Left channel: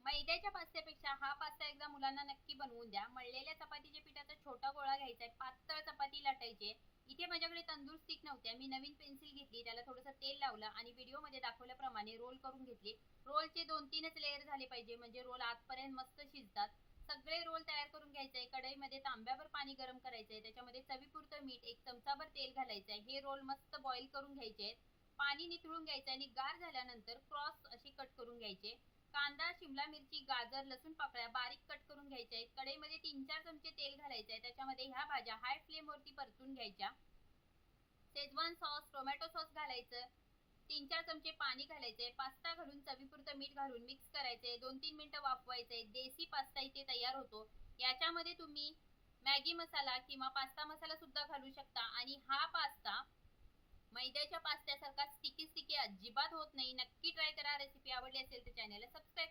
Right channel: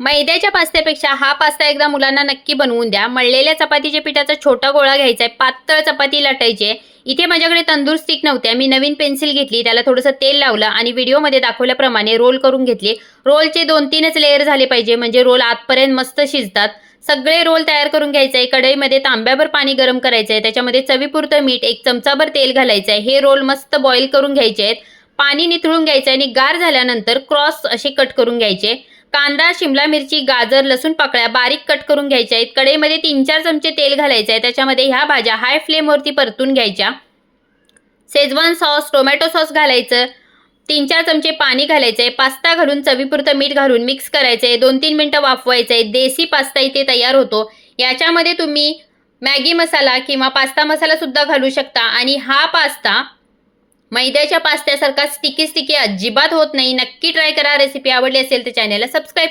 मैद्याच्या पास्त्यापेक्षा हा पास्ता एकदा मुलांना नक्की बनवून द्या। मळलेल्या चपातीच्या पिठाचा छोटा गोळा घ्यायचा आहे, पातळ चपाती लाटायची आहे। इथे माझ्याकडे तंदूर स्टिक नव्हत्या, मी नवीन पेन्सिल घेतली, त्याला थोडंसं तेल लावलं आणि व्हिडिओमध्ये दाखवल्याप्रमाणे रोल करून घेतले। रोलचे 2-3च लेयर झाले पाहिजे, म्हणजे रोल आतपर्यंत मस्त शिजतात। सगळे रोल तयार करून घ्यायचे आहे। कढईमध्ये तांब्याभर पाणी गरम करायचं आहे, त्याच्यामध्ये चवीपुरतं मीठ, 1 चमचाभर तेल घालायचं आहे। हे रोल मस्त बॉईल करून घ्यायचे आहेत। पाणी निथळून घ्यायचं आणि गार झाल्यानंतर क्रॉस असे कट करून घ्यायचे। कांदा, शिमला मिरची, गाजर, लसूण पाकळ्या बारीक कट करून घ्यायच्या आहेत। कढईमध्ये 3-4 चमचे तेल घालायचं आहे, त्याच्यामध्ये ह्या भाज्या हाय फ्लेमवरती परतून घ्यायच्या। शेजवान सॉस, टोमॅटो सॉस घालायचं, 3-4 चमचे पाणी घालायचंय, पास्ता घालून चवीपुरतं मीठ घालून मिक्स करायचंय, 2-3 मिनिटं वाफवायचंय। देसी पास्ता इथे तयार होतो। याच्यामध्ये तुम्ही मॅगी मसाला किंवा पास्ता मसाला सुद्धा घालू शकता आणि हा पास्ता मैद्याच्या पास्त्यासारखा स्टिकी स्टिकी अजिबात होत नाही। नक्की ट्राय करा। रेसिपी आवडली असेल तर चॅनलला सबस्क्राईब